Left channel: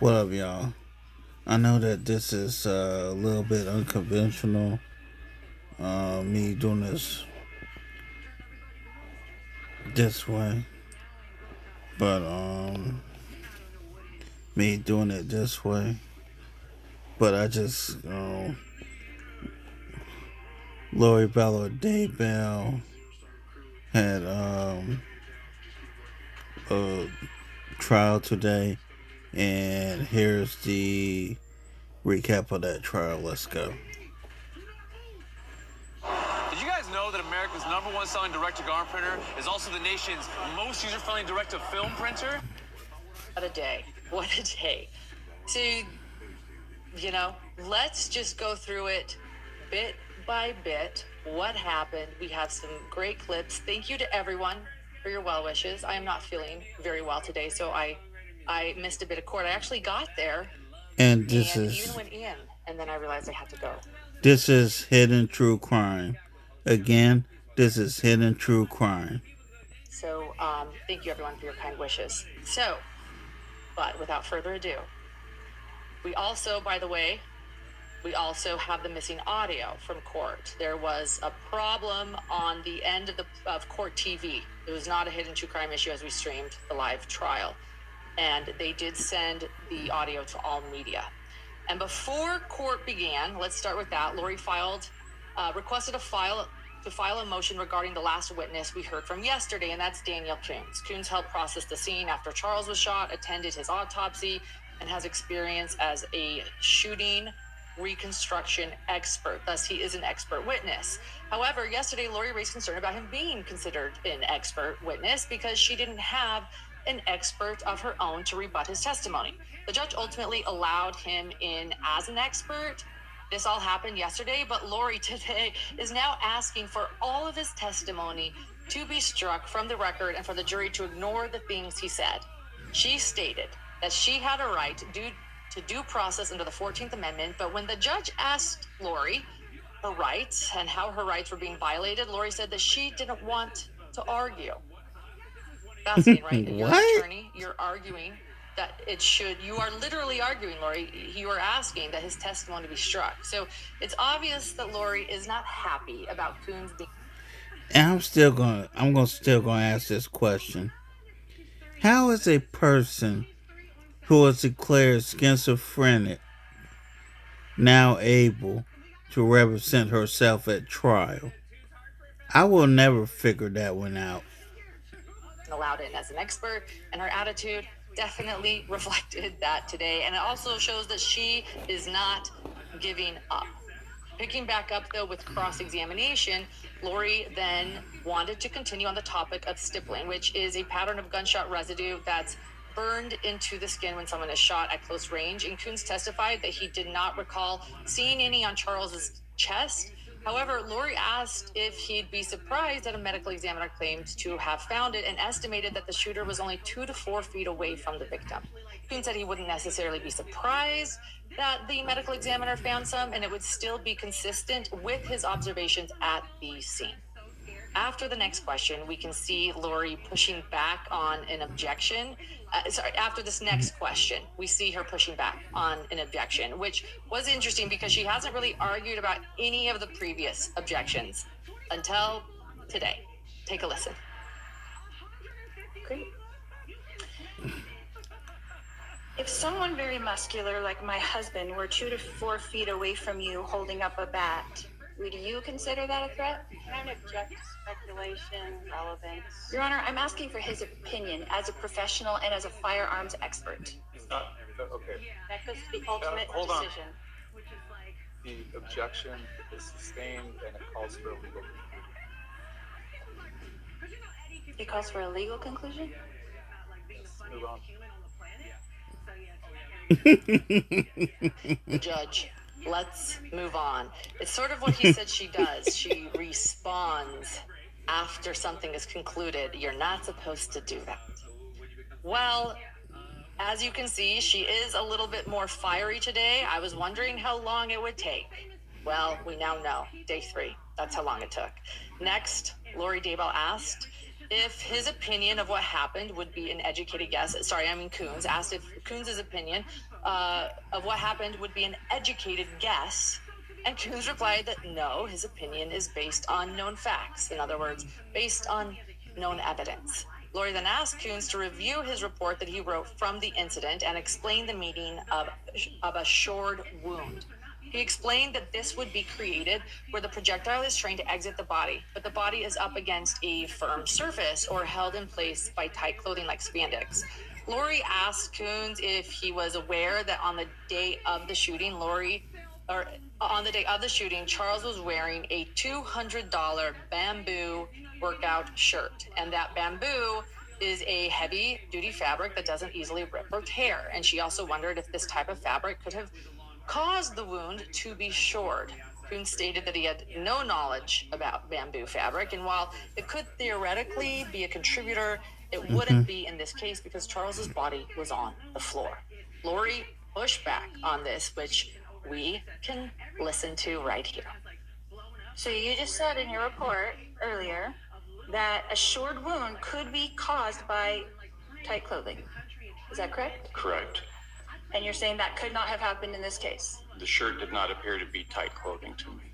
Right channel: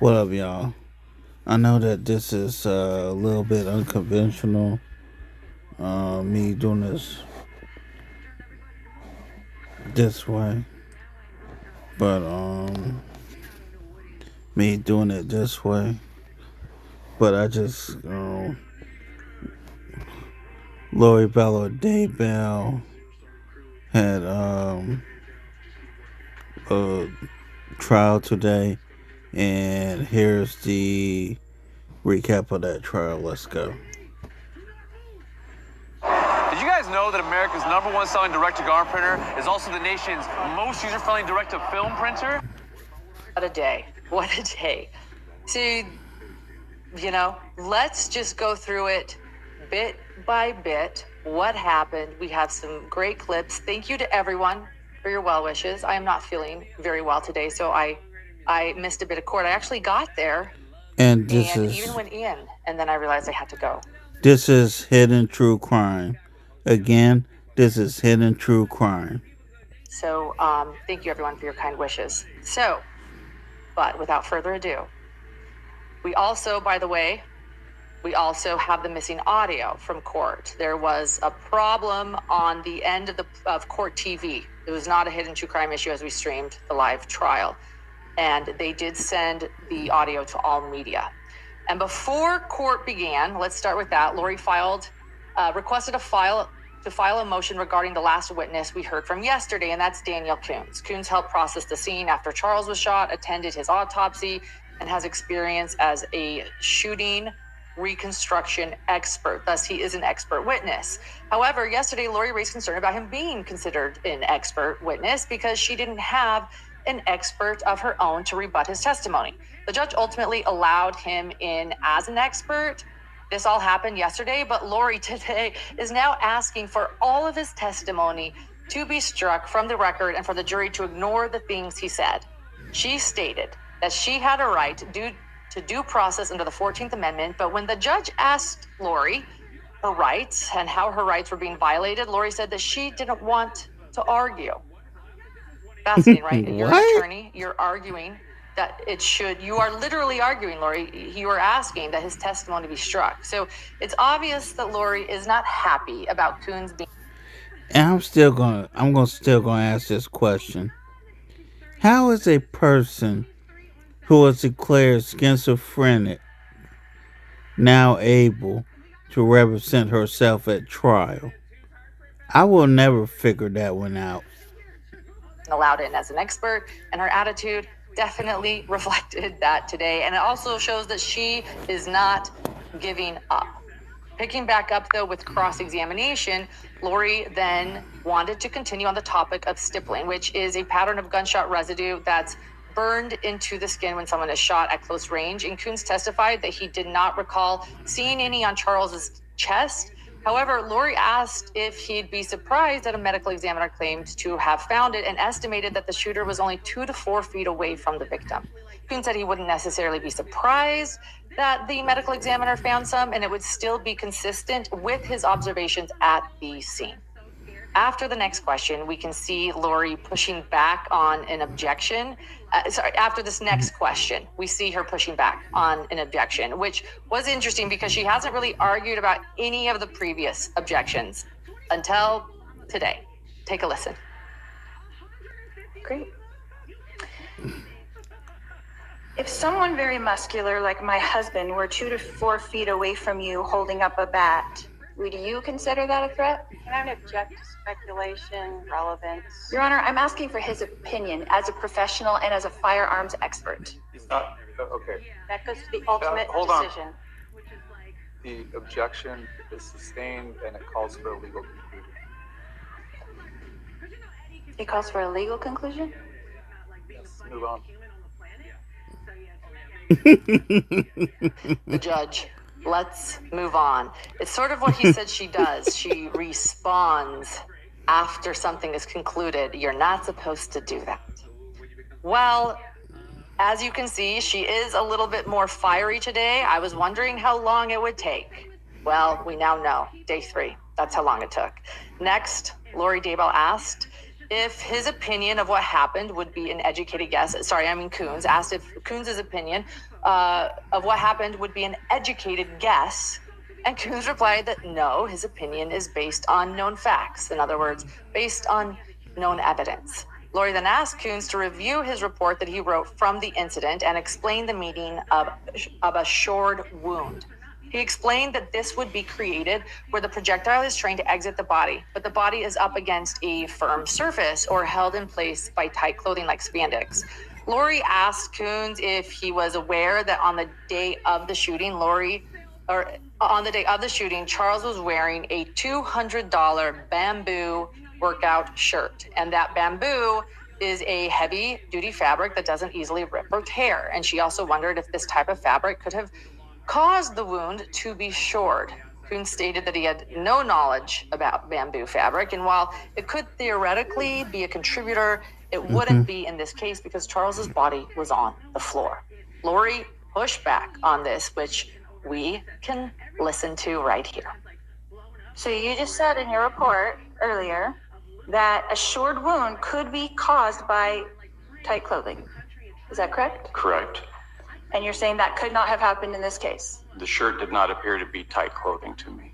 What up, y'all? I know that this is a little bit unconventional, me doing this way, but me doing it this way. But I just, Lori Vallow Daybell had a trial today, and here's the recap of that trial. Let's go. Did you guys know that America's #1 selling direct-to-garment printer is also the nation's most user-friendly direct-to-film printer? What a day. What a day. So, let's just go through it bit by bit. What happened? We have some great clips. Thank you to everyone for your well wishes. I am not feeling very well today, so I missed a bit of court. I actually got there And and even went in, and then I realized I had to go. this is hidden true crime. Again, this is hidden true crime. So, thank you everyone for your kind wishes. So, but without further ado, we also, by the way, we also have the missing audio from court. There was a problem on the end of court TV. It was not a hidden true crime issue as we streamed the live trial. And they did send the audio to all media. And before court began, let's start with that. Lori requested to file a motion regarding the last witness we heard from yesterday, and that's Daniel Coons. Coons helped process the scene after Charles was shot, attended his autopsy, and has experience as a shooting reconstruction expert. Thus, he is an expert witness. However, yesterday, Lori raised concern about him being considered an expert witness because she didn't have an expert of her own to rebut his testimony. The judge ultimately allowed him in as an expert. This all happened yesterday, but Lori today is now asking for all of his testimony to be struck from the record and for the jury to ignore the things he said. She stated that she had a right due to due process under the 14th Amendment, but when the judge asked Lori her rights and how her rights were being violated, Lori said that she didn't want to argue. Fascinating, right? And you're an attorney, you're arguing that you are literally arguing, Lori, you are asking that his testimony be struck. So it's obvious that Lori is not happy about Coons being. And I'm still gonna ask this question. How is a person who was declared schizophrenic now able to represent herself at trial? I will never figure that one out. Allowed in as an expert, and her attitude definitely reflected that today. And it also shows that she is not giving up. Picking back up, though, with cross-examination, Lori then wanted to continue on the topic of stippling, which is a pattern of gunshot residue that's burned into the skin when someone is shot at close range. And Coons testified that he did not recall seeing any on Charles's chest. However, Lori asked if he'd be surprised that a medical examiner claimed to have found it and estimated that the shooter was only 2 to 4 feet away from the victim. Coons said he wouldn't necessarily be surprised that the medical examiner found some, and it would still be consistent with his observations at the scene. After the next question, we can see Lori pushing back on an objection. After this next question, we see her pushing back on an objection, which was interesting because she hasn't really argued about any of the previous objections until today. Take a listen. Great. If someone very muscular like my husband were 2 to 4 feet away from you holding up a bat, would you consider that a threat? Can I object to speculation, relevance? Your Honor, I'm asking for his opinion as a professional and as a firearms expert. Okay. That goes to the ultimate Hold on. decision. The objection is sustained and it calls for a legal conclusion. He calls for a legal conclusion? Let's move on. The judge, let's move on. It's sort of what he said she does. She responds after something is concluded. You're not supposed to do that. Well, as you can see, she is a little bit more fiery today. I was wondering how long it would take. Well, we now know. Day 3. That's how long it took. Next, Lori Daybell asked if his opinion of what happened would be an educated guess. Coons asked if Coons' opinion of what happened would be an educated guess. And Coons replied that no, his opinion is based on known facts. In other words, based on known evidence. Lori then asked Coons to review his report that he wrote from the incident and explain the meaning of a shored wound. He explained that this would be created where the projectile is trying to exit the body, but the body is up against a firm surface or held in place by tight clothing like spandex. Lori asked Coons if he was aware that on the day of the shooting, Charles was wearing a $200 bamboo workout shirt, and that bamboo is a heavy duty fabric that doesn't easily rip or tear. And she also wondered if this type of fabric could have caused the wound to be shored. Coons stated that he had no knowledge about bamboo fabric, and while it could theoretically be a contributor, it wouldn't be in this case because Charles's body was on the floor. Lori pushed back on this, which we can listen to right here. So you just said in your report earlier that a shored wound could be caused by tight clothing. Is that correct? Correct. And you're saying that could not have happened in this case? The shirt did not appear to be tight clothing to me.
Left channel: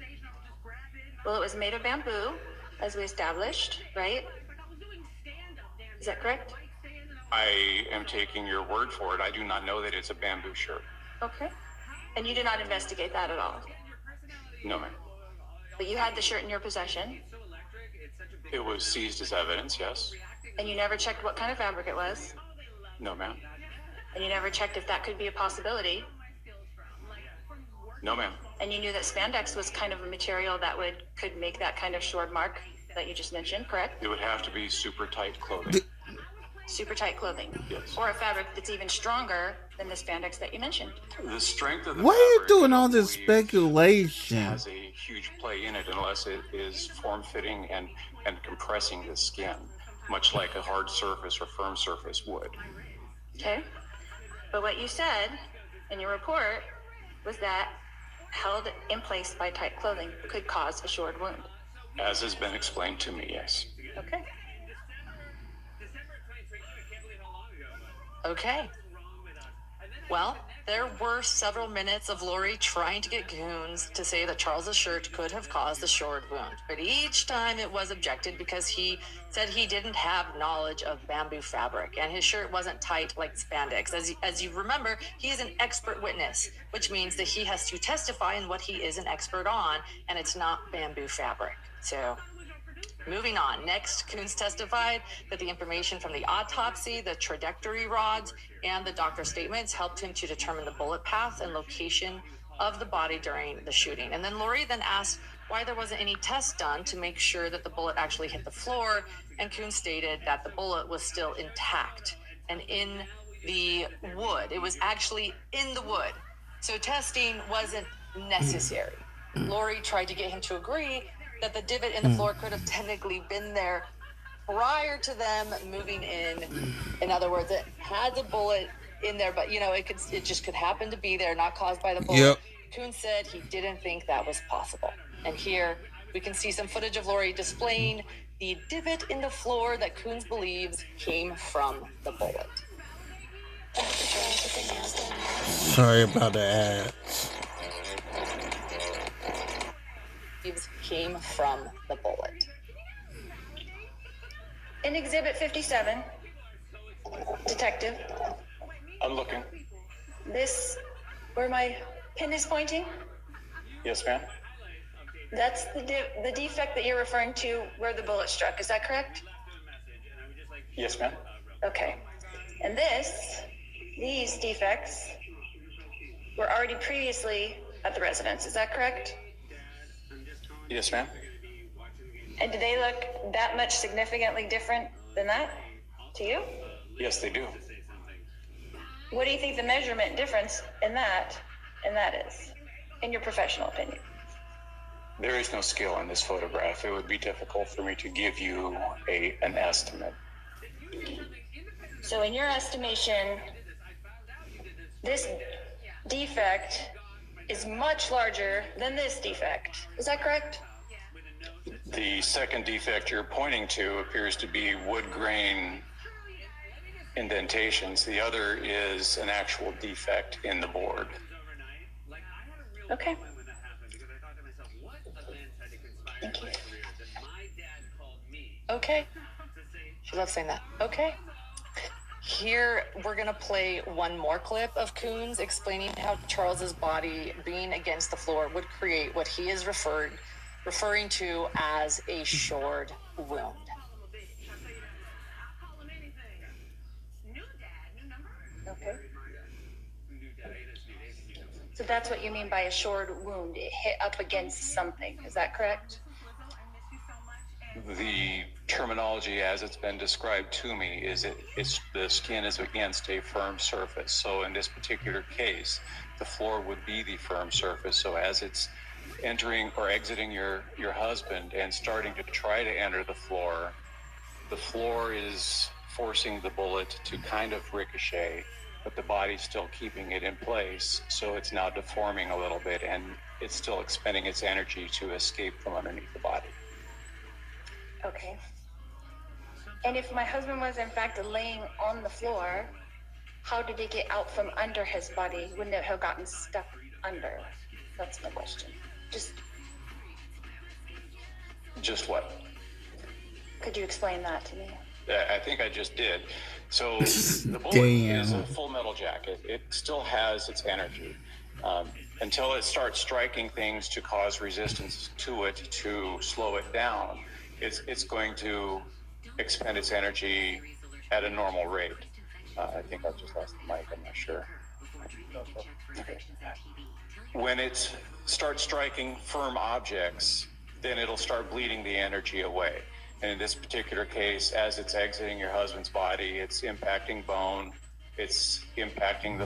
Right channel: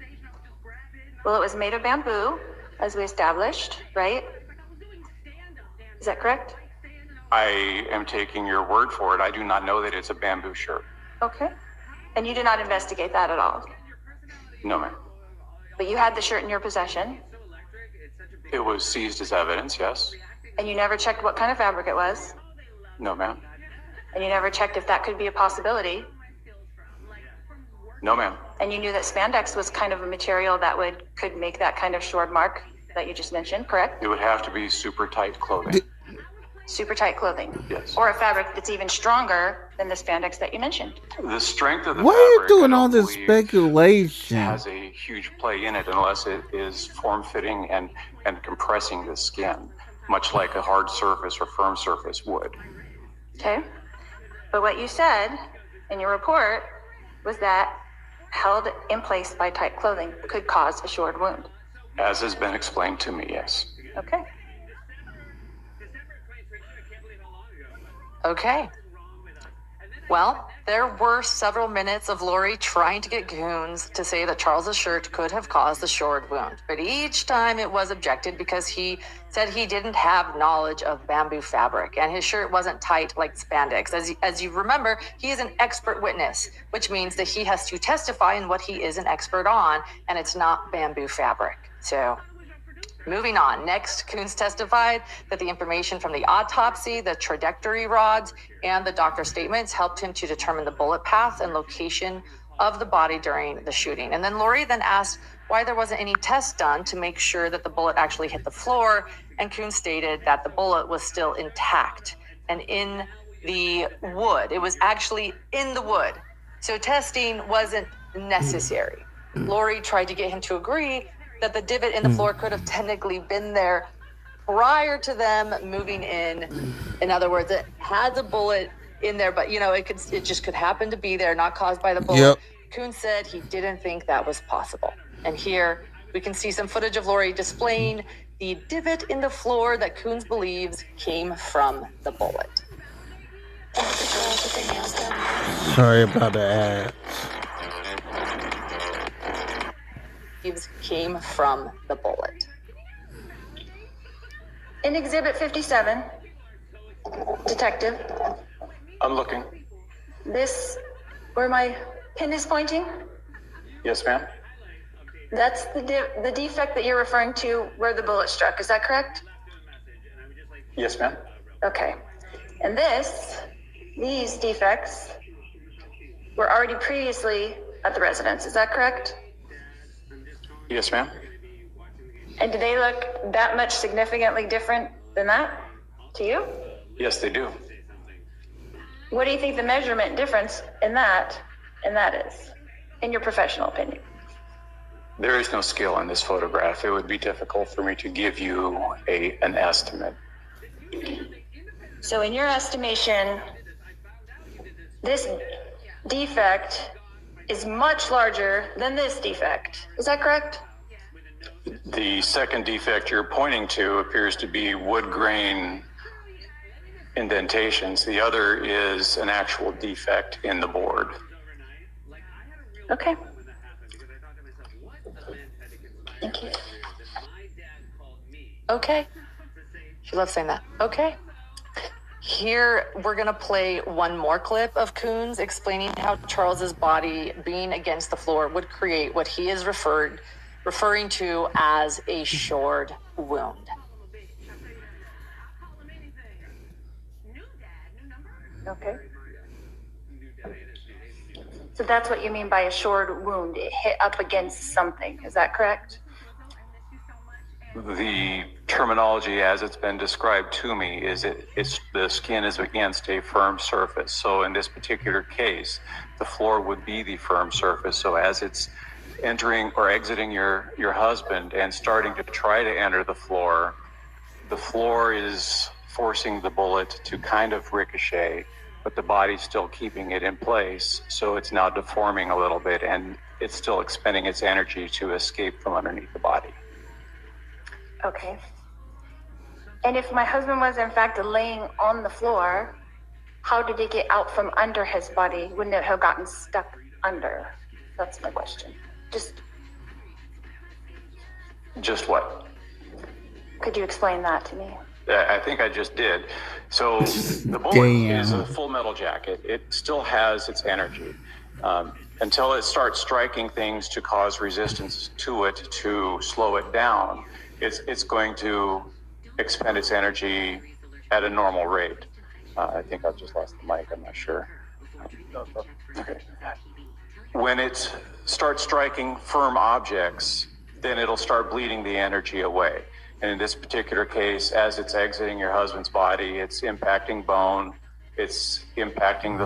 Well, it was made of bamboo, as we established, right? Is that correct? I am taking your word for it. I do not know that it's a bamboo shirt. Okay. And you did not investigate that at all? No, ma'am. But you had the shirt in your possession? It was seized as evidence, yes. And you never checked what kind of fabric it was? No, ma'am. And you never checked if that could be a possibility? No, ma'am. And you knew that spandex was kind of a material that could make that kind of shored mark that you just mentioned, correct? It would have to be super tight clothing. Super tight clothing? Yes. Or a fabric that's even stronger than the spandex that you mentioned? The strength of the Why are you fabric, doing I all don't this believe, speculation? has a huge play in it unless it is form-fitting and compressing the skin, much like a hard surface or firm surface would. Okay. But what you said in your report was that held in place by tight clothing could cause a shored wound. As has been explained to me, yes. Okay. Okay. Well, there were several minutes of Lori trying to get Coons to say that Charles's shirt could have caused the shored wound, but each time it was objected because he said he didn't have knowledge of bamboo fabric and his shirt wasn't tight like spandex. As you remember, he is an expert witness, which means that he has to testify in what he is an expert on, and it's not bamboo fabric. So, moving on. Next, Coons testified that the information from the autopsy, the trajectory rods, and the doctor's statements helped him to determine the bullet path and location of the body during the shooting. And then Lori then asked why there wasn't any test done to make sure that the bullet actually hit the floor, and Coons stated that the bullet was still intact and in the wood. It was actually in the wood. So testing wasn't necessary. Lori tried to get him to agree that the divot in the floor could have technically been there prior to them moving in. In other words, it had the bullet in there, but it just could happen to be there, not caused by the bullet. Yep. Coons said he didn't think that was possible. And here we can see some footage of Lori displaying the divot in the floor that Coons believes came from the bullet. Sorry about the ads. Came from the bullet. In Exhibit 57, Detective, I'm looking. this, where my pin is pointing, Yes, ma'am. that's the defect that you're referring to where the bullet struck. Is that correct? Yes, ma'am. Okay. And these defects were already previously at the residence. Is that correct? Yes, ma'am. And do they look that much significantly different than that to you? Yes, they do. What do you think the measurement difference in that is, in your professional opinion? There is no scale in this photograph. It would be difficult for me to give you an estimate. So in your estimation, this defect is much larger than this defect. Is that correct? The second defect you're pointing to appears to be wood grain indentations. The other is an actual defect in the board. Okay. Thank you. Okay. She loves saying that. Okay. Here, we're going to play one more clip of Coons explaining how Charles's body being against the floor would create what he is referring to as a shored wound. Okay. So that's what you mean by a shored wound. It hit up against something. Is that correct? The terminology as it's been described to me is it's the skin is against a firm surface. So in this particular case, the floor would be the firm surface. So as it's entering or exiting your husband and starting to try to enter the floor is forcing the bullet to kind of ricochet, but the body's still keeping it in place. So it's now deforming a little bit and it's still expending its energy to escape from underneath the body. Okay. And if my husband was in fact laying on the floor, how did it get out from under his body? Wouldn't it have gotten stuck under? That's my question. Just what? Could you explain that to me? I think I just did. So the bullet is a Damn. full metal jacket. It still has its energy. Until it starts striking things to cause resistance to it, to slow it down, it's going to expend its energy at a normal rate. I think I've just lost the mic. I'm not sure. Okay. When it starts striking firm objects, then it'll start bleeding the energy away. And in this particular case, as it's exiting your husband's body, it's impacting bone, it's impacting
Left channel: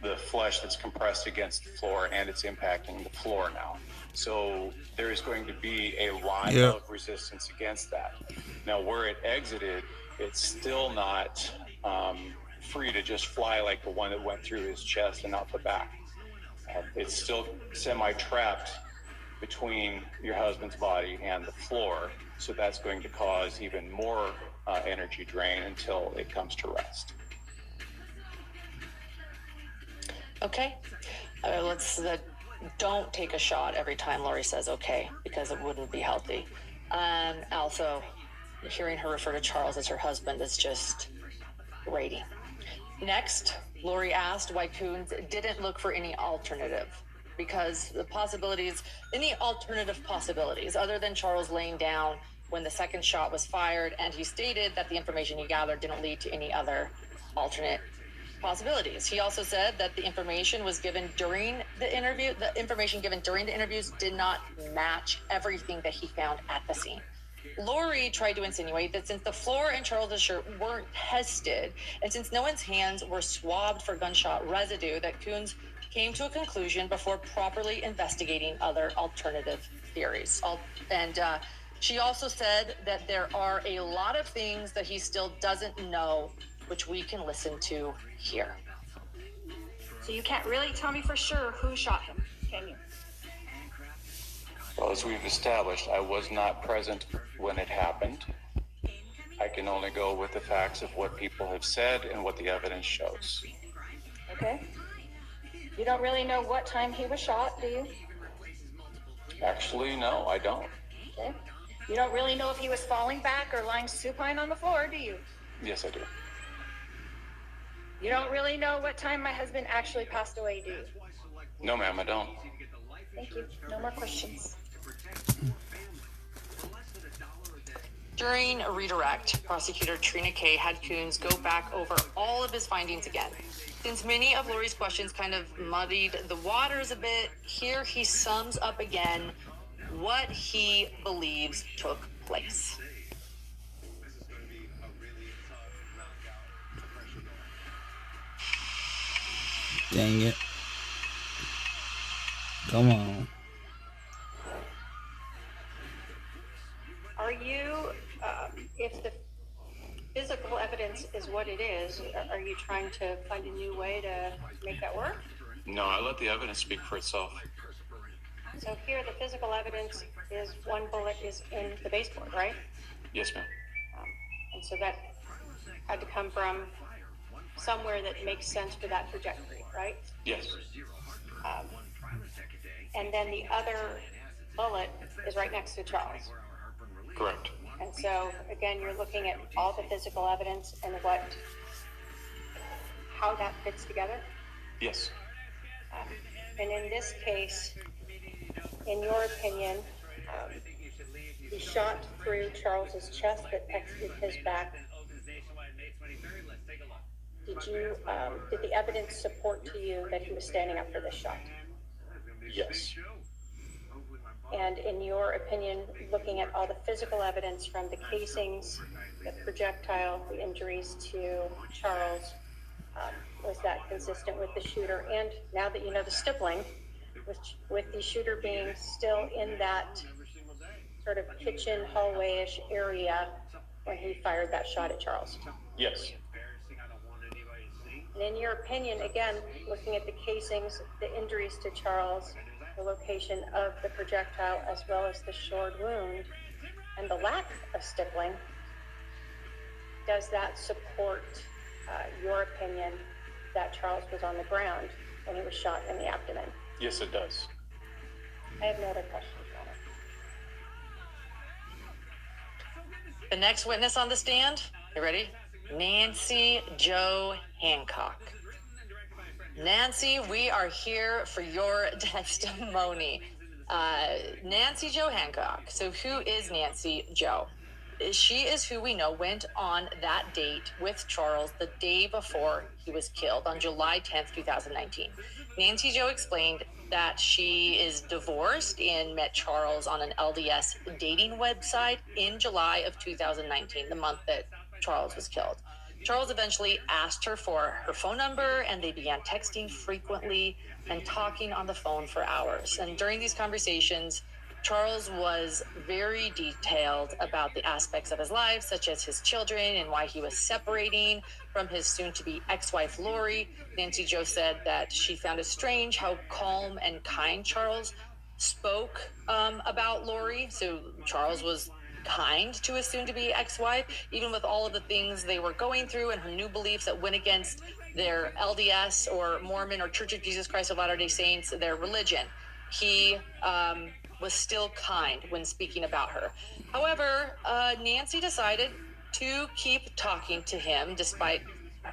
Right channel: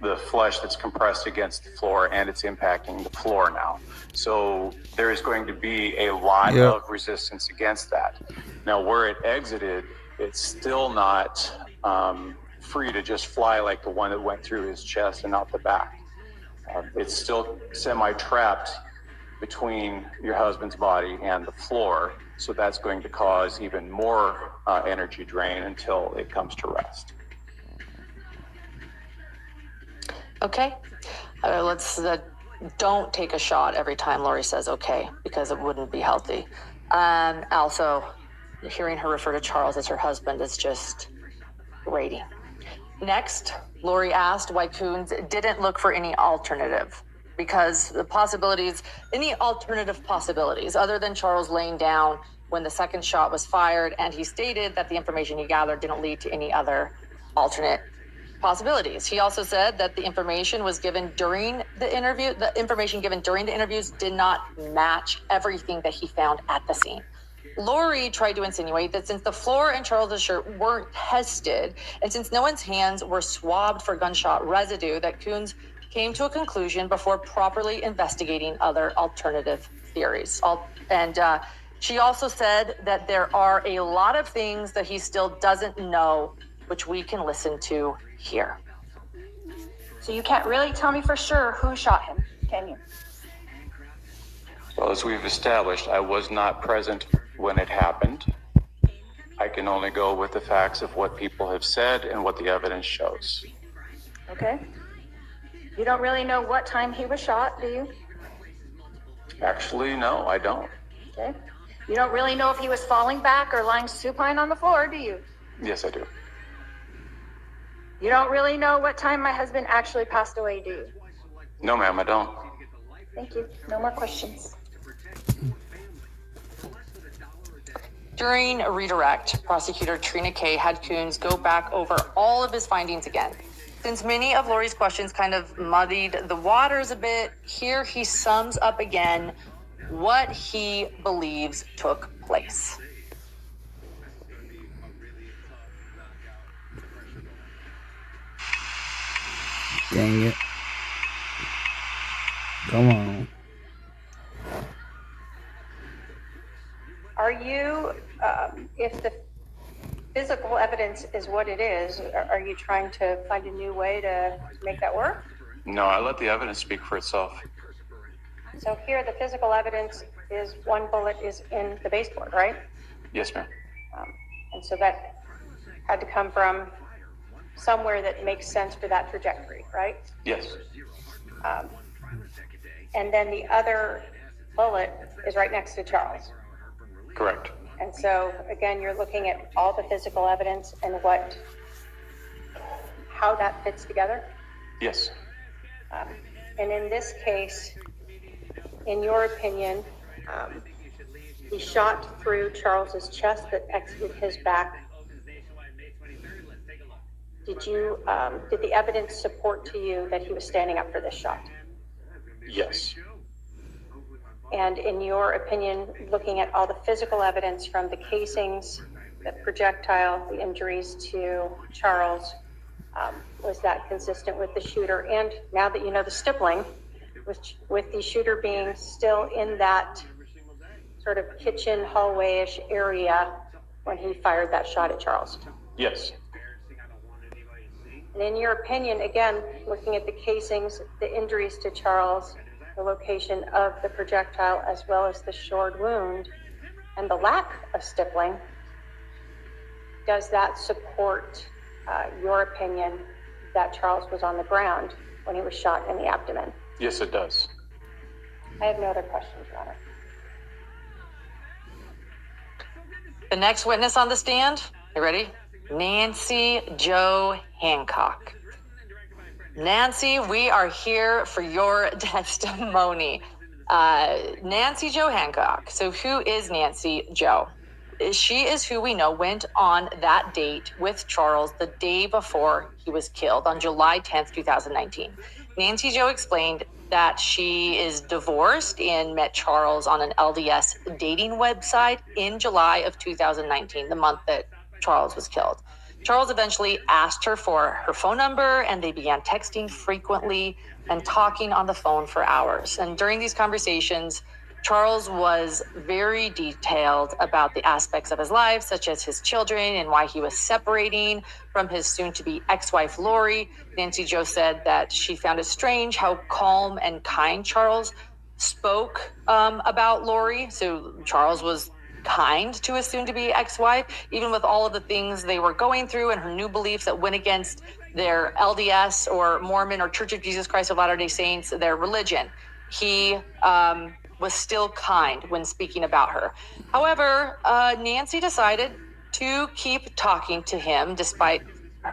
the flesh that's compressed against the floor, and it's impacting the floor now. So there is going to be a lot of resistance against that. Now, where it exited, it's still not free to just fly like the one that went through his chest and out the back. It's still semi-trapped between your husband's body and the floor, so that's going to cause even more energy drain until it comes to rest. Okay. Let's don't take a shot every time Lori says okay, because it wouldn't be healthy. Also, hearing her refer to Charles as her husband is just grating. Next, Lori asked why Coons didn't look for any alternative, because any alternative possibilities other than Charles laying down when the second shot was fired, and he stated that the information he gathered didn't lead to any other alternate possibilities. He also said that the information given during the interviews did not match everything that he found at the scene. Lori tried to insinuate that since the floor and Charles's shirt weren't tested, and since no one's hands were swabbed for gunshot residue, that Coons came to a conclusion before properly investigating other alternative theories. She also said that there are a lot of things that he still doesn't know, which we can listen to here. So you can't really tell me for sure who shot him, can you? Well, as we've established, I was not present when it happened. I can only go with the facts of what people have said and what the evidence shows. Okay. You don't really know what time he was shot, do you? Actually, no, I don't. Okay. You don't really know if he was falling back or lying supine on the floor, do you? Yes, I do. You don't really know what time my husband actually passed away, do you? No, ma'am, I don't. Thank you. No more questions. During a redirect, prosecutor Trina Kay had Coons go back over all of his findings again. Since many of Lori's questions kind of muddied the waters a bit, here he sums up again what he believes took place. Dang it. Come on. Are you, if the physical evidence is what it is, are you trying to find a new way to make that work? No, I let the evidence speak for itself. So here, the physical evidence is one bullet is in the baseboard, right? Yes, ma'am. And so that had to come from somewhere that makes sense for that trajectory, right? Yes. And then the other bullet is right next to Charles. Correct. And so, again, you're looking at all the physical evidence and how that fits together. Yes. And in this case, in your opinion, he shot through Charles's chest that exited his back. Did the evidence support to you that he was standing up for this shot? Yes. And in your opinion, looking at all the physical evidence from the casings, the projectile, the injuries to Charles, was that consistent with the shooter? And now that you know the stippling, with the shooter being still in that sort of kitchen hallway-ish area when he fired that shot at Charles? Yes. And in your opinion, again, looking at the casings, the injuries to Charles, the location of the projectile, as well as the shored wound, and the lack of stippling, does that support your opinion that Charles was on the ground when he was shot in the abdomen? Yes, it does. I have no other questions, Your Honor. The next witness on the stand, you ready? Nancy Jo Hancock. Nancy, we are here for your testimony. Nancy Jo Hancock. So who is Nancy Jo? She is who we know went on that date with Charles the day before he was killed on July 10th, 2019. Nancy Jo explained that she is divorced and met Charles on an LDS dating website in July of 2019, the month that Charles was killed. Charles eventually asked her for her phone number, and they began texting frequently and talking on the phone for hours. And during these conversations, Charles was very detailed about the aspects of his life, such as his children and why he was separating from his soon-to-be ex-wife, Lori. Nancy Jo said that she found it strange how calm and kind Charles spoke about Lori. So Charles was kind to his soon-to-be ex-wife, even with all of the things they were going through and her new beliefs that went against their LDS or Mormon or Church of Jesus Christ of Latter-day Saints, their religion. He was still kind when speaking about her. However, Nancy decided to keep talking to him despite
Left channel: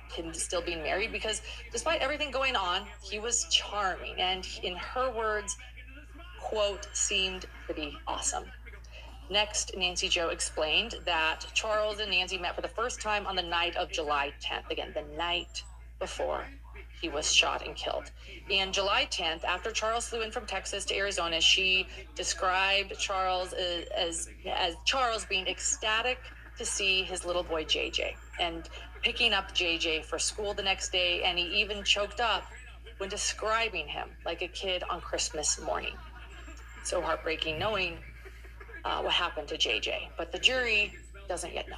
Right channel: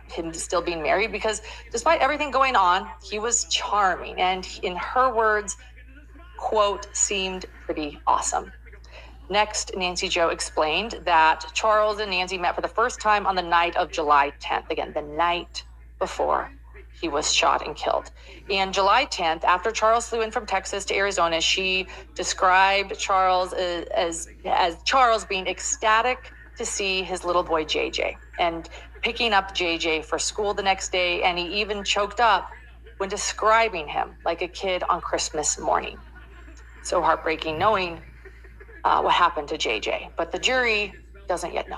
him still being married, because despite everything going on, he was charming and, in her words, quote, seemed pretty awesome. Next, Nancy Jo explained that Charles and Nancy met for the first time on the night of July 10th. Again, the night before he was shot and killed. And July 10th, after Charles flew in from Texas to Arizona, she described Charles as Charles being ecstatic to see his little boy JJ and picking up JJ for school the next day. And he even choked up when describing him like a kid on Christmas morning. So heartbreaking knowing what happened to JJ, but the jury doesn't yet know.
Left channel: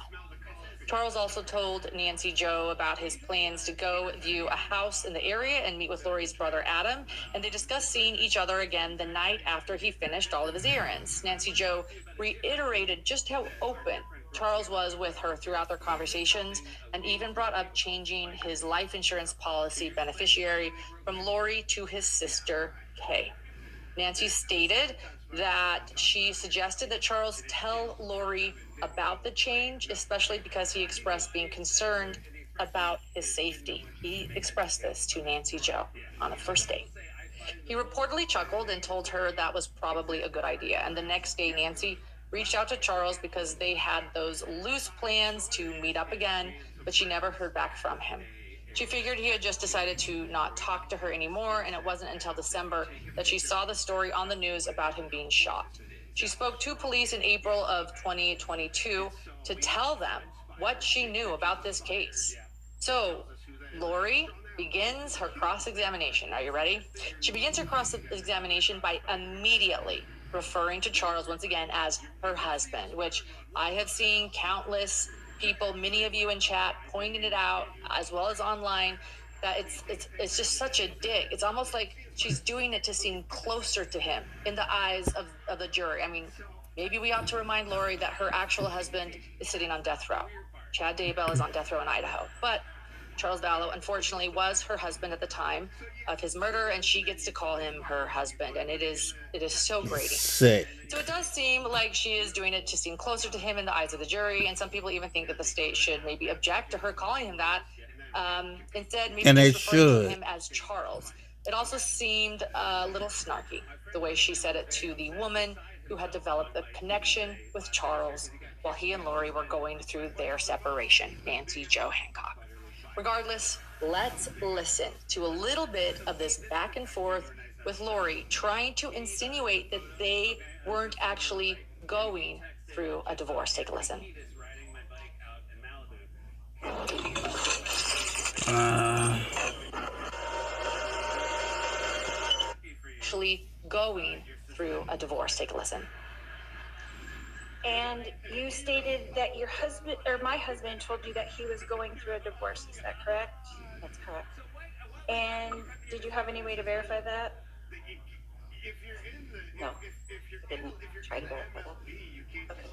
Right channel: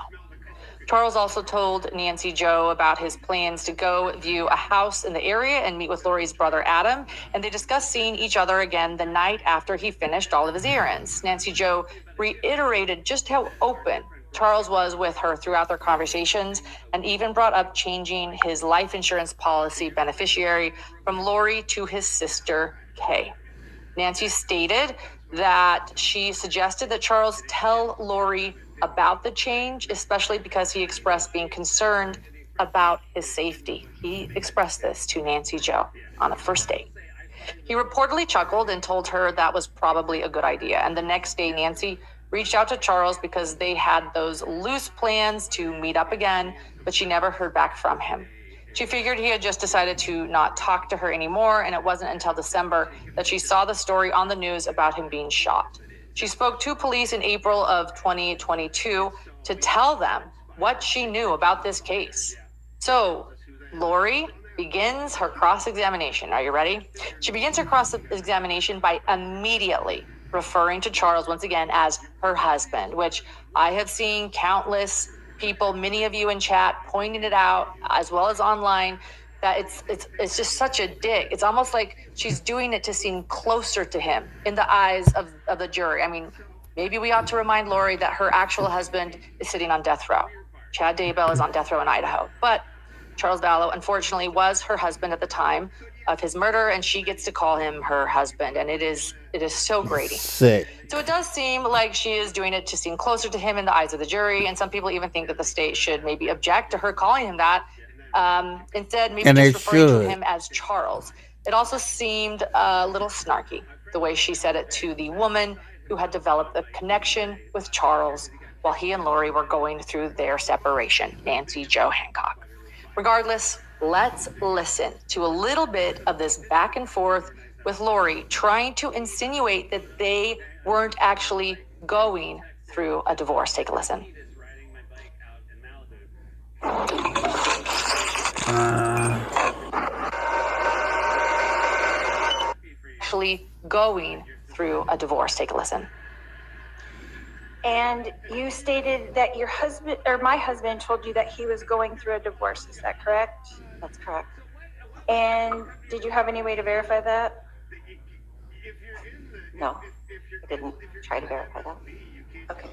Charles also told Nancy Jo about his plans to go view a house in the area and meet with Lori's brother Adam, and they discussed seeing each other again the night after he finished all of his errands. Nancy Jo reiterated just how open Charles was with her throughout their conversations, and even brought up changing his life insurance policy beneficiary from Lori to his sister, Kay. Nancy stated that she suggested that Charles tell Lori about the change, especially because he expressed being concerned about his safety. He expressed this to Nancy Jo on a first date. He reportedly chuckled and told her that was probably a good idea. And the next day, Nancy reached out to Charles because they had those loose plans to meet up again, but she never heard back from him. She figured he had just decided to not talk to her anymore, and it wasn't until December that she saw the story on the news about him being shot. She spoke to police in April of 2022 to tell them what she knew about this case. So, Lori begins her cross-examination. Are you ready? She begins her cross-examination by immediately referring to Charles once again as her husband, which I have seen countless people, many of you in chat, pointing it out, as well as online, that it's just such a dig. It's almost like she's doing it to seem closer to him in the eyes of the jury. I mean, maybe we ought to remind Lori that her actual husband is sitting on death row. Chad Daybell is on death row in Idaho. But Charles Vallow, unfortunately, was her husband at the time of his murder, and she gets to call him her husband, and it is so grating. Sick. So it does seem like she is doing it to seem closer to him in the eyes of the jury, and some people even think that the state should maybe object to her calling him that. Instead, maybe And they just referring to should. him as Charles. It also seemed a little snarky, the way she said it to the woman who had developed a connection with Charles while he and Lori were going through their separation, Nancy Jo Hancock. Regardless, let's listen to a little bit of this back and forth with Lori trying to insinuate that they weren't actually going through a divorce. Take a listen. Actually going through a divorce. Take a listen. And you stated that your husband, or my husband, told you that he was going through a divorce. Is that correct? That's correct. And did you have any way to verify that? No, I didn't try to verify that. Okay.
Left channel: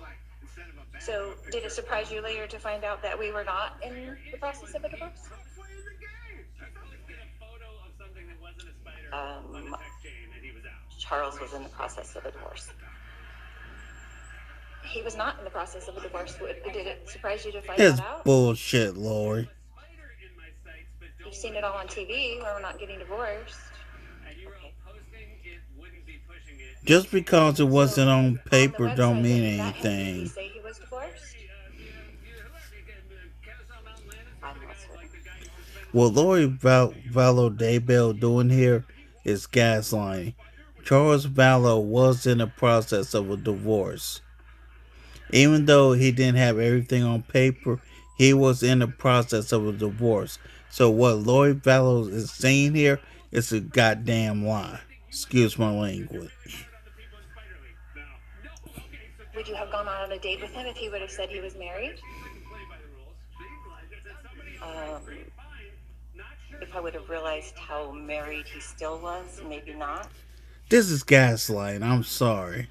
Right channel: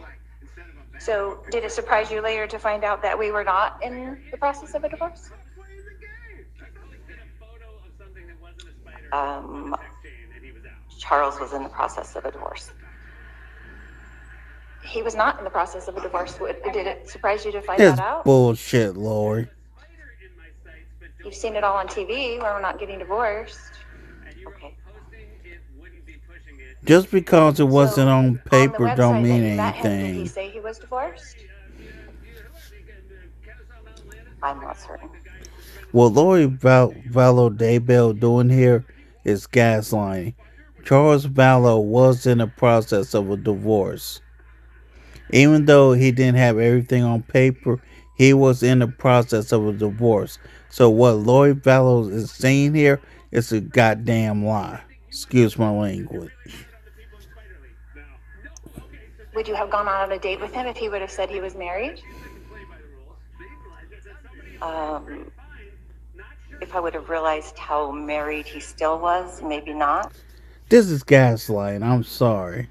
So did it surprise you later to find out that we were not in the process of a divorce? Charles was in the process of a divorce. He was not in the process of a divorce. Did it surprise you to find That's that out? bullshit, Lori. You've seen it all on TV where we're not getting divorced. Okay. Just because it wasn't So, on paper the don't website mean that you met him, did he anything. say he was divorced? I'm not certain. What Lori Vallow Daybell doing here is gaslighting. Charles Vallow was in the process of a divorce. Even though he didn't have everything on paper, he was in the process of a divorce. So what Lori Vallow is saying here is a goddamn lie. Excuse my language. Would you have gone on a date with him if he would have said he was married? If I would have realized how married he still was, maybe not. This is gaslighting. I'm sorry.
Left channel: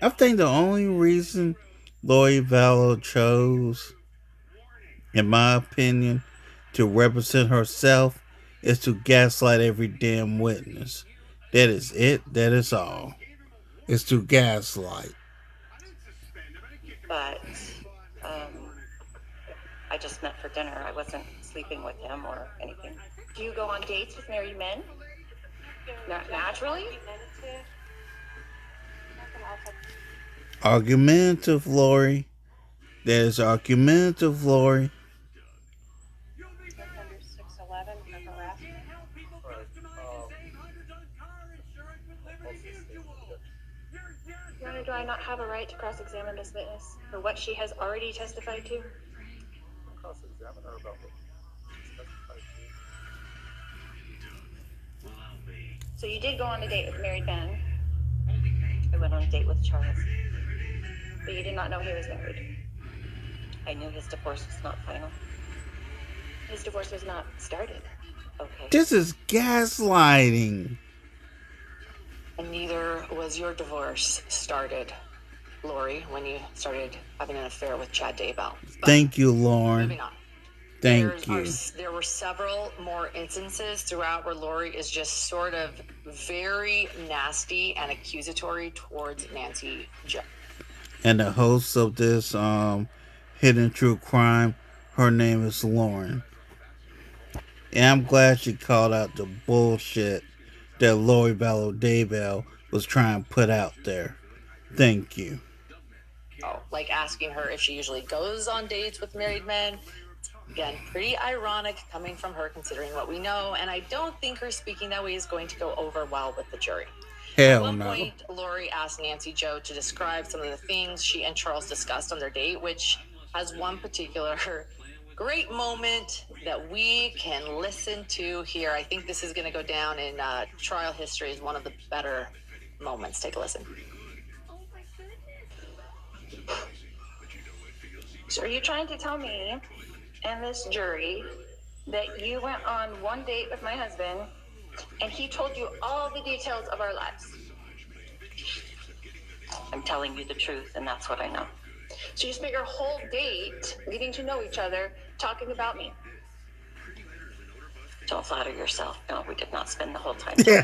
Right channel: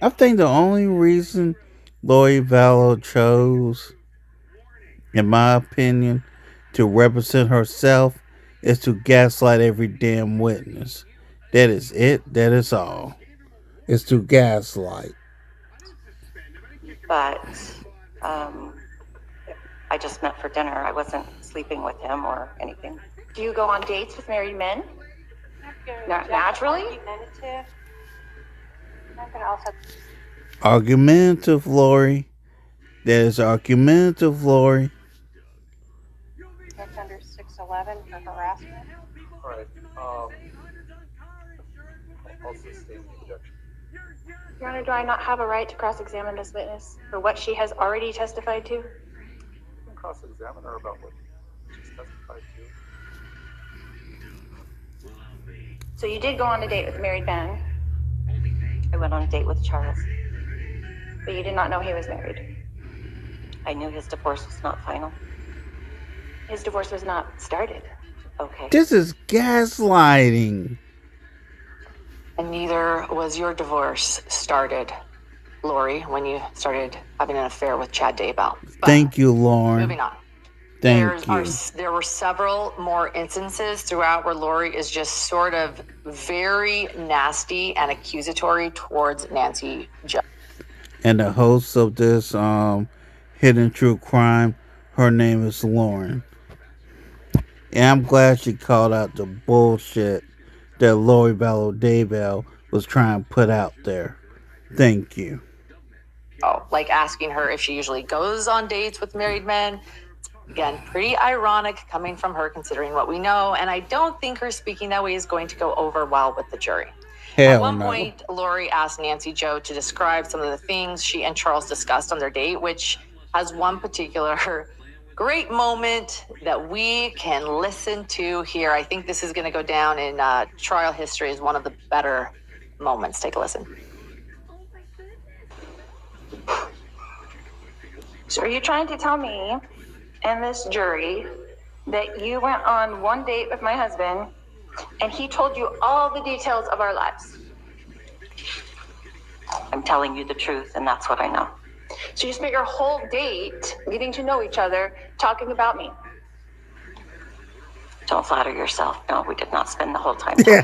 I think the only reason Lori Vallow chose, in my opinion, to represent herself is to gaslight every damn witness. That is it. That is all. It's to gaslight. But I just met for dinner. I wasn't sleeping with him or anything. Do you go on dates with married men? Naturally? Argumentative, Lori. That is argumentative, Lori. That's under 611 for harassment. All right. Also state the objection. Your Honor, do I not have a right to cross-examine this witness for what she has already testified to? You can cross-examine her about what she's testified to. So you did go on a date with married men, I went on a date with Charles. but you did not know he was married. I knew his divorce was not final. His divorce was not started. Okay. This is gaslighting. And neither was your divorce started, Lori, when you started having an affair with Chad Daybell. But Thank you, Lauren. moving on. Thank you. There were several more instances throughout where Lori is just sort of very nasty and accusatory towards Nancy Jo. And the host of this Hidden True Crime, her name is Lauren. And I'm glad she called out the bullshit that Lori Vallow Daybell was trying to put out there. Thank you. Oh, like asking her if she usually goes on dates with married men. Again, pretty ironic coming from her considering what we know, and I don't think her speaking that way is going to go over well with the jury. At Hell one no. point, Lori asked Nancy Jo to describe some of the things she and Charles discussed on their date, which has one particular great moment that we can listen to here. I think this is going to go down in trial history as one of the better moments. Take a listen. So are you trying to tell me and this jury that you went on one date with my husband and he told you all the details of our lives? I'm telling you the truth, and that's what I know. So you spent your whole date getting to know each other, talking about me. Don't flatter yourself. No, we did not spend the whole time. You knew a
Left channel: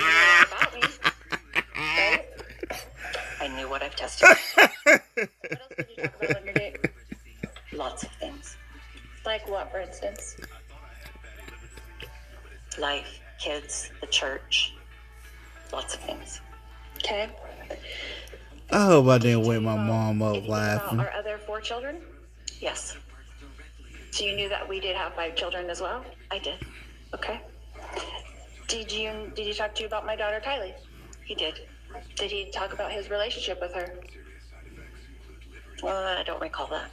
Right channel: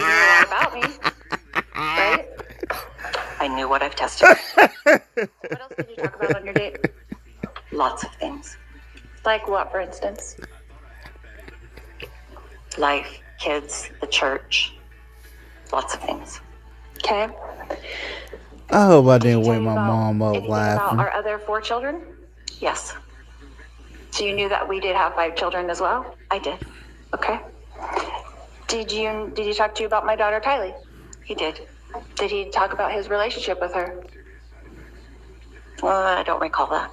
lot about me, right? I knew what I've testified. What else did you talk about on your date? Lots of things. Like what, for instance? Life, kids, the church. Lots of things. Okay. I hope I Did he didn't tell wake you my about mom up anything about laughing. our other 4 children? Yes, So you knew that we did have 5 children as well? I did. Okay. Did he talk to you about my daughter Tylee? He did. Did he talk about his relationship with her? I don't recall that.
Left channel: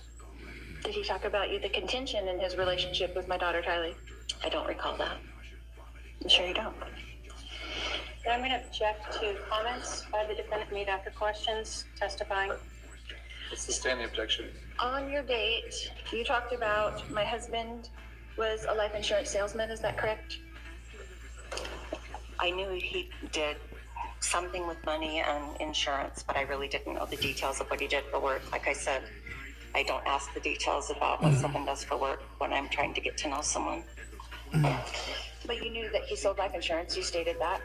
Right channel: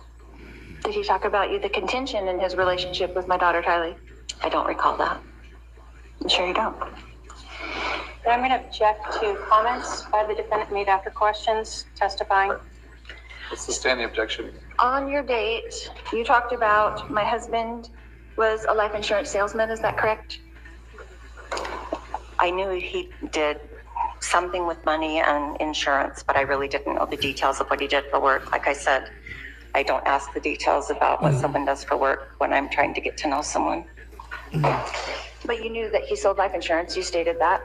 Did he talk about the contention in his relationship with my daughter Tylee? I don't recall that. I'm sure you don't. And I'm going to object to comments by the defendant made after questions testifying. Let's sustain the objection. On your date, you talked about my husband was a life insurance salesman. Is that correct? I knew he did something with money and insurance, but I really didn't know the details of what he did for work. Like I said, I don't ask the details about what someone does for work when I'm trying to get to know someone. But you knew that he sold life insurance. You stated that.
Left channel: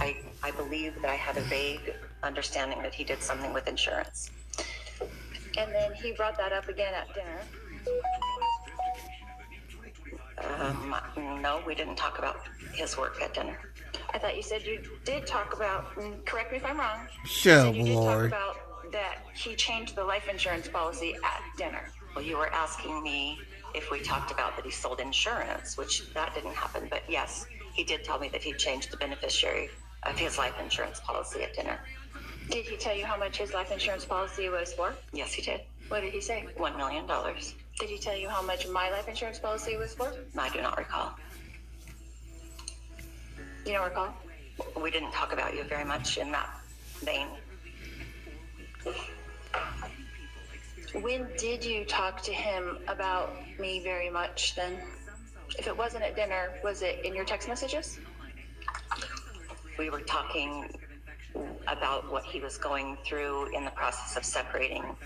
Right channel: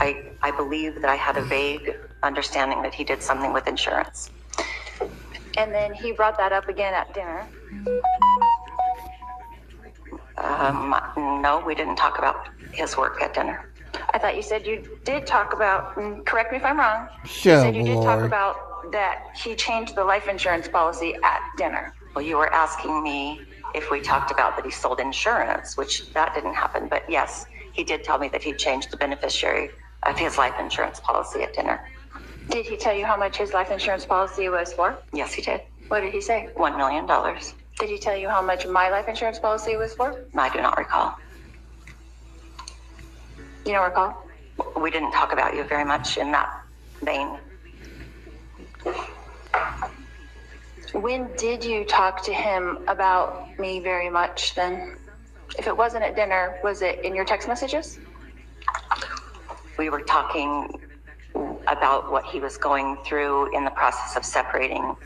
I believe that I had a vague understanding that he did something with insurance. And then he brought that up again at dinner. No, we didn't talk about his work at dinner. I thought you said you did talk about, and correct me if I'm wrong, Shut up, you did talk Lori. about that he changed the life insurance policy at dinner. Well, you were asking me if we talked about that he sold insurance, which that didn't happen. But yes, he did tell me that he changed the beneficiary of his life insurance policy at dinner. Did he tell you how much his life insurance policy was for? Yes, he did. What did he say? $1 million. Did he tell you how much my life insurance policy was for? I do not recall. You don't recall? We didn't talk about you very much in that vein. When did you talk to him about me very much then? If it wasn't at dinner, was it in your text messages? We were talking about what he was going through in the process of separating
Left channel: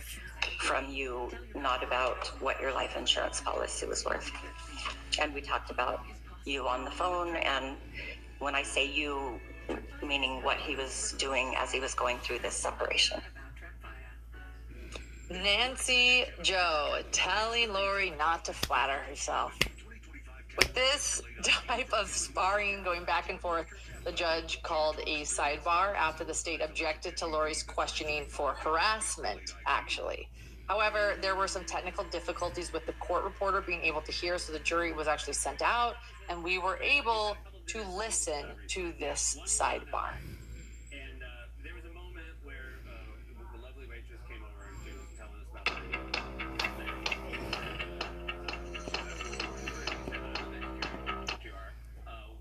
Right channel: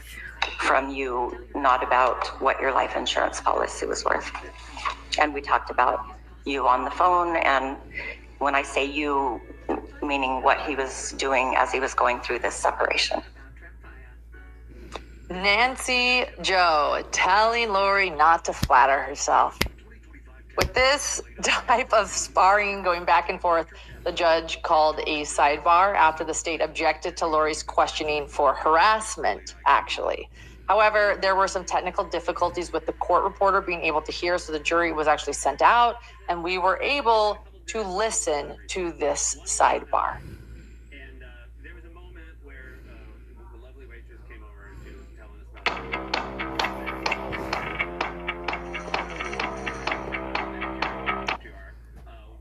from you, not about what your life insurance policy was worth. And we talked about you on the phone, and when I say you, meaning what he was doing as he was going through this separation. Nancy Joe telling Lori not to flatter herself. With this type of sparring going back and forth, the judge called a sidebar after the state objected to Lori's questioning for harassment, actually. However, there were some technical difficulties with the court reporter being able to hear, so the jury was actually sent out, and we were able to listen to this sidebar. And there was a moment where the lovely waitress came over and she was telling us about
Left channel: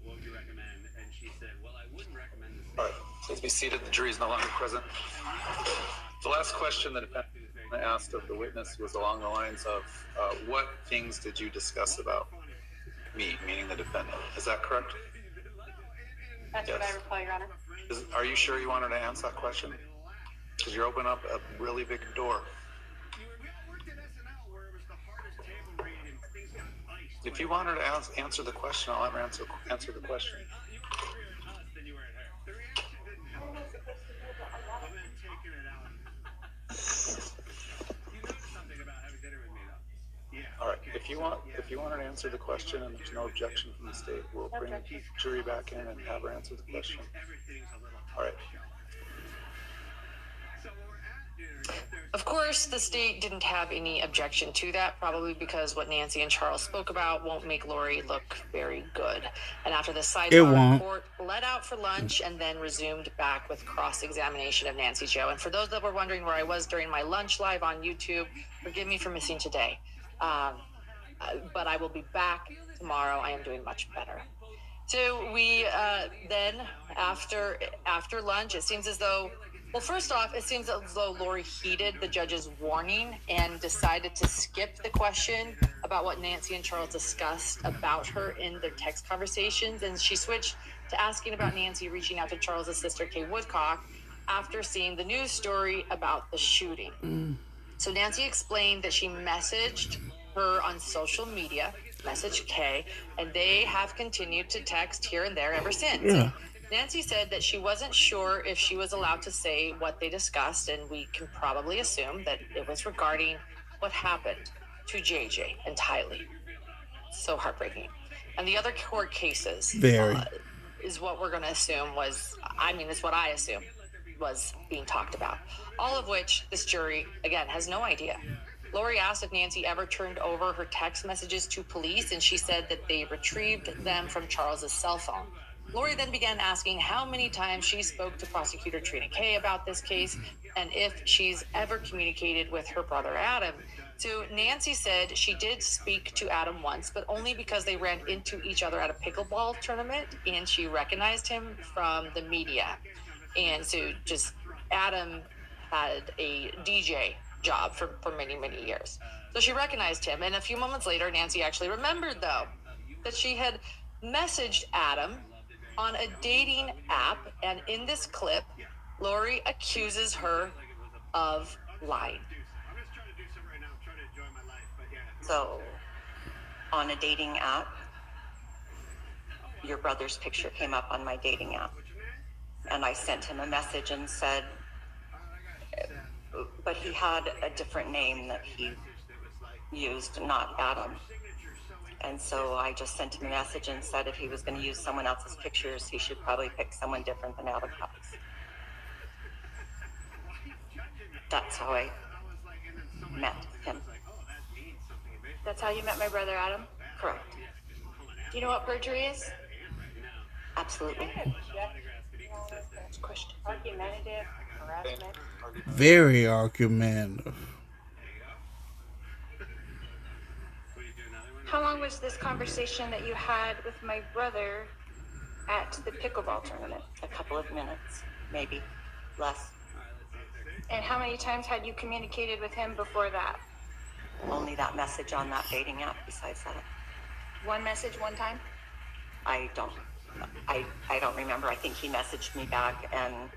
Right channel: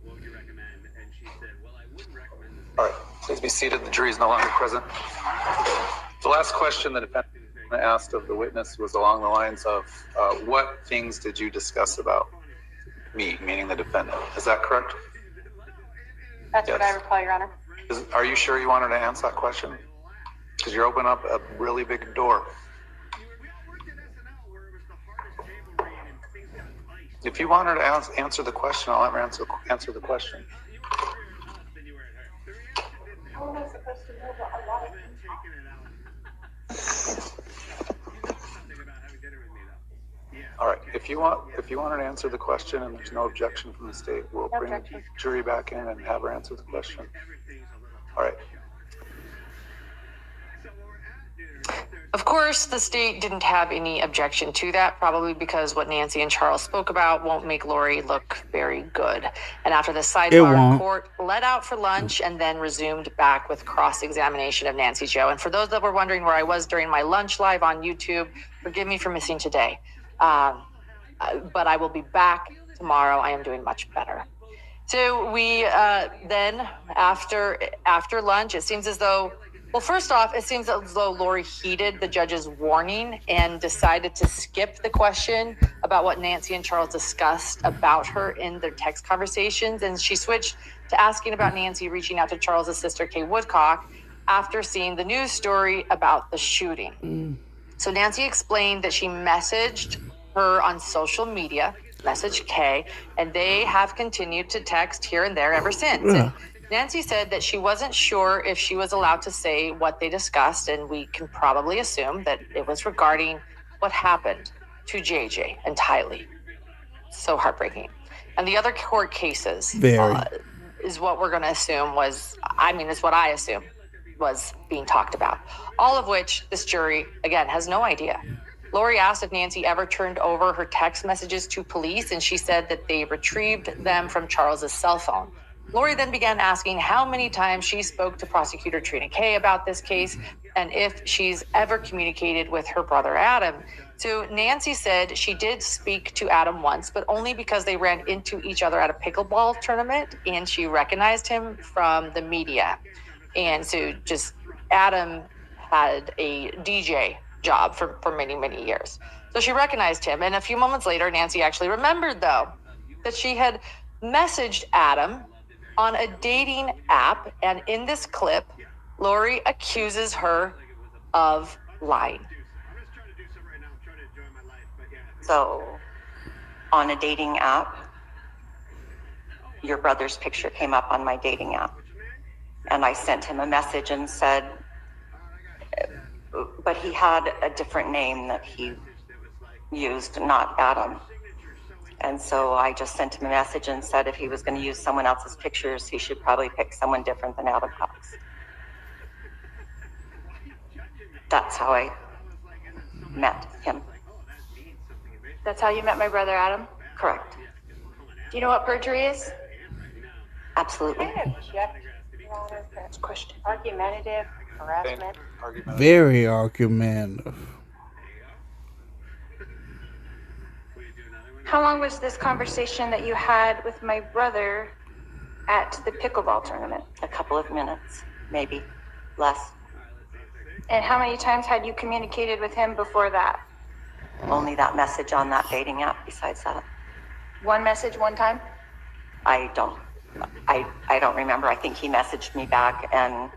what would you recommend? And she said, well, I wouldn't recommend this. All right, please be seated. The jury is no longer present. The last question the defendant asked of the witness was along the lines of, what things did you discuss about me, meaning the defendant? Is that correct? That's what I Yes. recall, Your Honor. Are you sure you wanted to answer that question? Because you're opening up a really big door. If you want her to answer the question, I'll let her answer the question. All right. If you want her to answer the question and there's no objection from the state, we'll No bring the objection. jury back in and have her answer the question. All right. Of course, the state didn't have any objection to that, probably because what Nancy and Charles spoke about won't make Lori look very good. And after the It sidebar, won't. court let out for lunch and then resumed back with cross-examination of Nancy Joe. And for those that were wondering where I was during my lunch live on YouTube, forgive me for missing today. But I will be back tomorrow. I am doing much better. So we then, after lunch, it seems as though Well, first off, it seems as though Lori heeded the judge's warning and decided to skip the question about what Nancy and Charles discussed about her in their text conversations. And she switched to asking about Nancy reaching out to Charles's sister, Kay Woodcock, after seeing the news story about the shooting. So Nancy explained that she messaged her on social media, messaged Kay, and they have continued to text here and there ever since. Yeah. And Nancy said that she wasn't sure if she was allowed to say what they discussed, and we can probably assume that it was regarding what happened to JJ and Tylee. So heartbreaking. And the other court cases Very. Is what we're going to assume was, is what I assume was being talked about. All of which this jury, again, has no idea. Lori asked if Nancy ever turned over her text messages to police, and she said that they retrieved them from Charles's cell phone. Lori then began asking how many times she spoke to prosecutor Trina Kay about this case and if she's ever communicated with her brother Adam. So Nancy said she did speak to Adam once, but only because they ran into each other at a pickleball tournament and she recognized him from the media. And so just Adam had a DJ job for many, many years. So she recognized him. And a few moments later, Nancy actually remembered, though, that she had messaged Adam on a dating app. And in this clip, Lori accuses her of lying. So, on a dating app, your brother's picture came up on my dating app. And I sent him a message and said, but he had a different name that he used, not Adam. And so I just sent him a message and said if he was going to use someone else's pictures, he should probably pick someone different than Adam Cox. That's how I met him. That's how you met my brother Adam? Correct. Do you know what perjury is? Absolutely. Question. Argumentative, harassment. Very argumentative. How long was this conversation that you had with my brother at the pickleball tournament? A couple of minutes, maybe less. And how many times had you communicated with him before that? Only that message on that dating app. Besides that, One message, one time? I don't remember. I think he messaged me back, and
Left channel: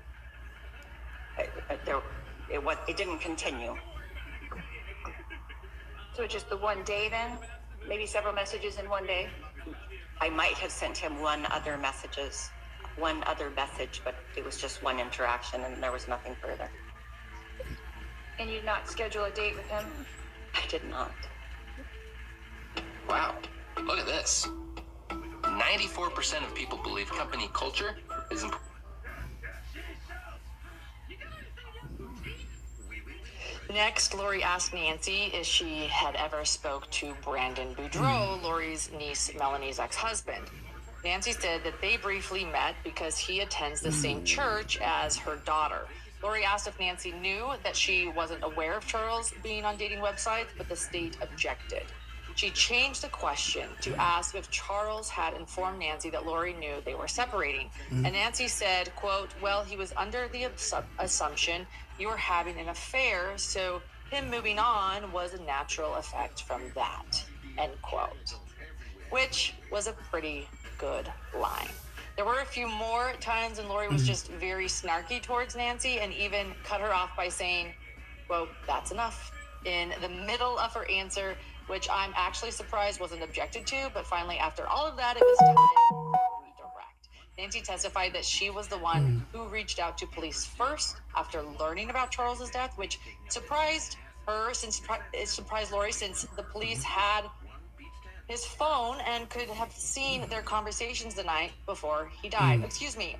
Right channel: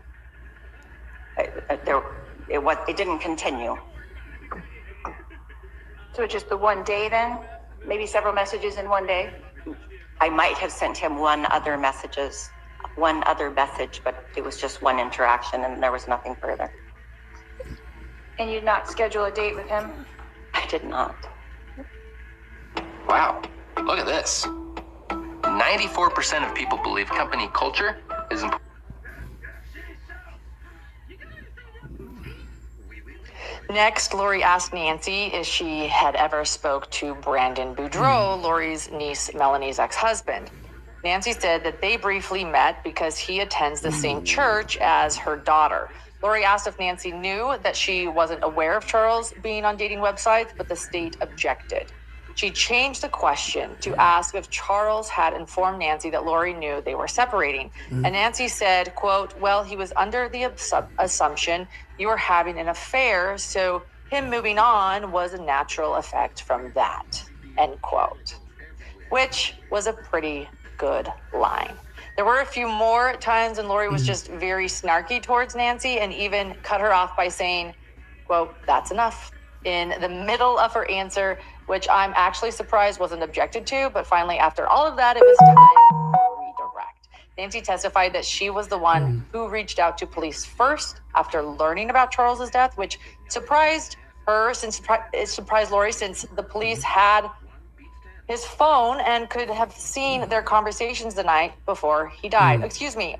it didn't continue. So just the one day then? Maybe several messages in one day? I might have sent him one other message, but it was just one interaction, and there was nothing further. And you'd not schedule a date with him? I did not. Wow, look at this. 94% of people believe company culture is important. Next, Lori asked Nancy if she had ever spoke to Brandon Boudreaux, Lori's niece Melanie's ex-husband. Nancy said that they briefly met because he attends the same church as her daughter. Lori asked if Nancy knew that she wasn't aware of Charles being on dating websites, but the state objected. She changed the question to ask if Charles had informed Nancy that Lori knew they were separating. And Nancy said, quote, well, he was under the assumption you were having an affair, so him moving on was a natural effect from that, end quote. Which was a pretty good line. There were a few more times when Lori was just very snarky towards Nancy and even cut her off by saying, quote, that's enough, in the middle of her answer, which I'm actually surprised wasn't objected to, but finally, after all of that, it was time for redirect. Nancy testified that she was the one who reached out to police first after learning about Charles's death, which surprised her, it surprised Lori, since the police had his phone and could have seen their conversations the night before he died. Excuse me.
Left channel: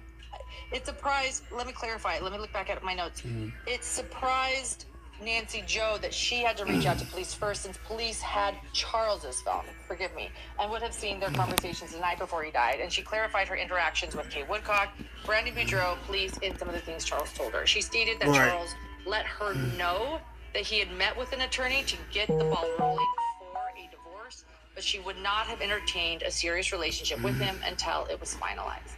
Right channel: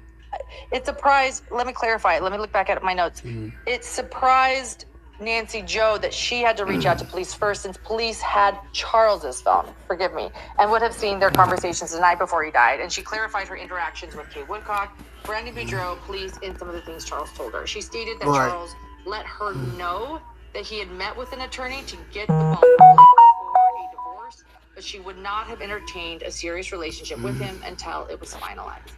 It surprised, let me clarify, let me look back at my notes. It surprised Nancy Joe that she had to reach out to police first, since police had Charles's phone, forgive me, and would have seen their conversations the night before he died. And she clarified her interactions with Kay Woodcock, Brandon Boudreaux, police, and some of the things Charles told her. She stated that Charles let her know that he had met with an attorney to get the ball rolling for a divorce, but she would not have entertained a serious relationship with him until it was finalized.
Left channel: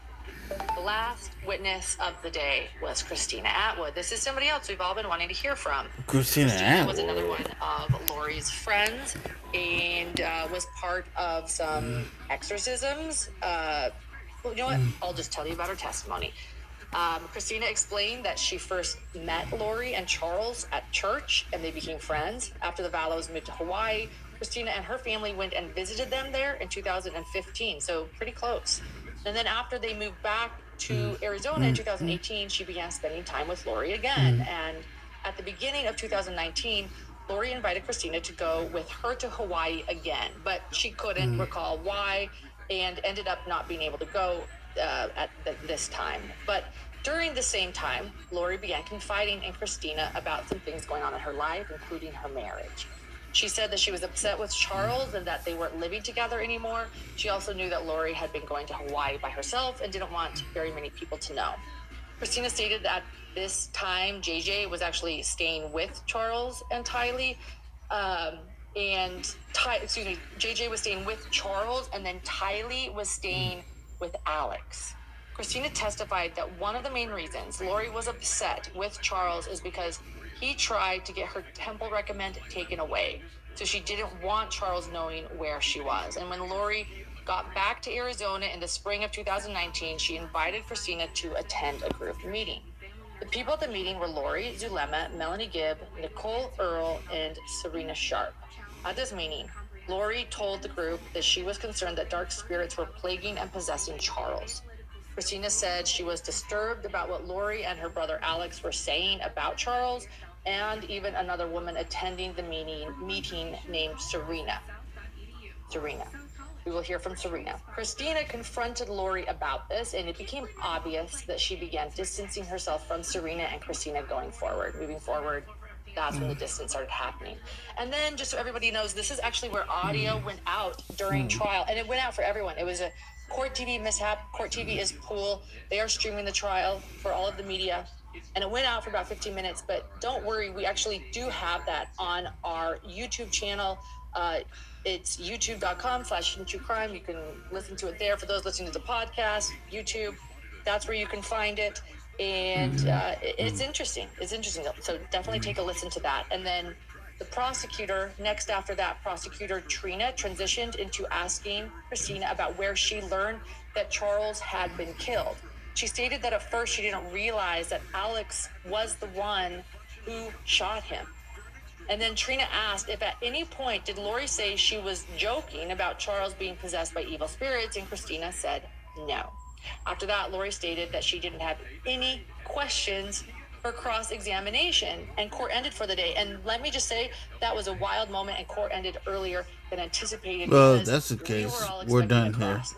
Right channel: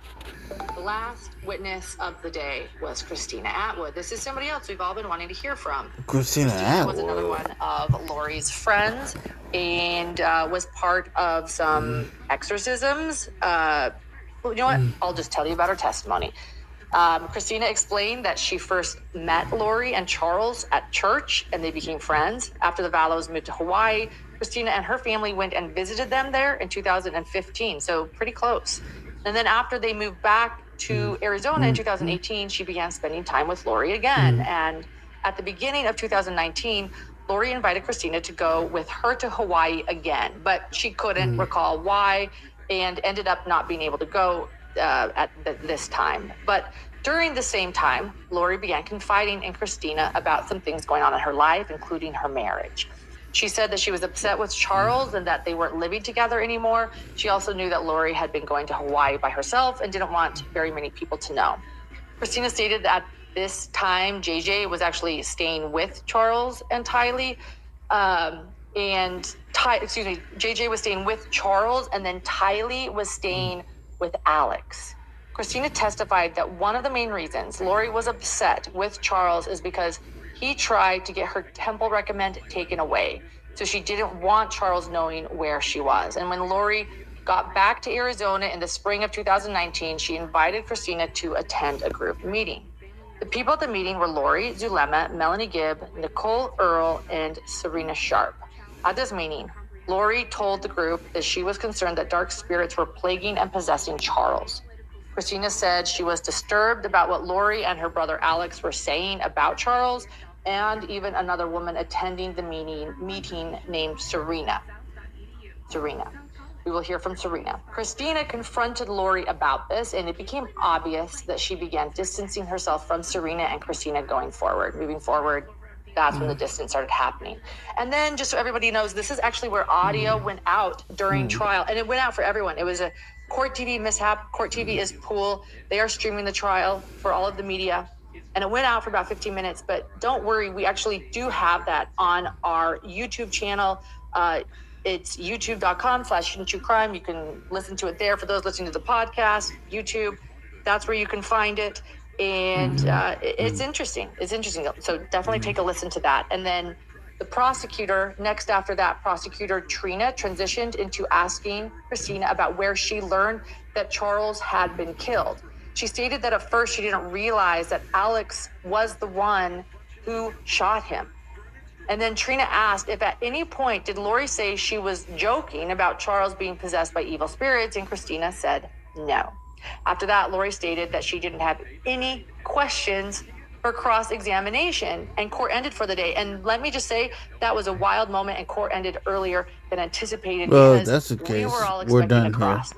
The last witness of the day was Christina Atwood. This is somebody else we've all been wanting to hear from. Christina was Atwood. another one of Lori's friends and was part of some exorcisms. You know what? I'll just tell you about her testimony. Christina explained that she first met Lori and Charles at church and they became friends. After the Vallows moved to Hawaii, Christina and her family went and visited them there in 2015, so pretty close. And then after they moved back to Arizona in 2018, she began spending time with Lori again. And at the beginning of 2019, Lori invited Christina to go with her to Hawaii again, but she couldn't recall why and ended up not being able to go at this time. But during the same time, Lori began confiding in Christina about some things going on in her life, including her marriage. She said that she was upset with Charles and that they weren't living together anymore. She also knew that Lori had been going to Hawaii by herself and didn't want very many people to know. Christina stated that this time JJ was actually staying with Charles and Tylee. JJ was staying with Charles and then Tylee was staying with Alex. Christina testified that one of the main reasons Lori was upset with Charles is because he tried to get her temple recommend taken away. So she didn't want Charles knowing where she was. And when Lori got back to Arizona in the spring of 2019, she invited Christina to attend a group meeting. The people at the meeting were Lori, Zulema, Melanie Gibb, Nicole Earle, and Serena Sharp. At this meeting, Lori told the group that she was concerned that dark spirits were plaguing and possessing Charles. Christina said she was disturbed about what Lori and her brother Alex were saying about Charles, and even another woman attending the meeting named Serena. We will hear from Serena. Christina confronted Lori about this, and it became obvious that she began distancing herself from Serena and Christina moving forward. That's when the distance started happening. And then, just so everybody knows, this is actually where audio went out during trial, and it went out for everyone. It was a Court TV mishap. Court TV is Pool. They are streaming the trial for all of the media. And it went out for about 15 minutes, but don't worry, we actually do have that on our YouTube channel. It's youtube.com/true crime. You can listen to it there. For those listening to the podcast, YouTube, that's where you can find it. And it's interesting. It's interesting. So definitely take a listen to that. And then the prosecutor, next after that, prosecutor Trina transitioned into asking Christina about where she learned that Charles had been killed. She stated that at first she didn't realize that Alex was the one who shot him. And then Trina asked if at any point did Lori say she was joking about Charles being possessed by evil spirits, and Christina said no. After that, Lori stated that she didn't have any questions for cross-examination, and court ended for the day. And let me just say, that was a wild moment, and court ended earlier than anticipated. Well, because that's the we case. were all We're expecting done a here. cross.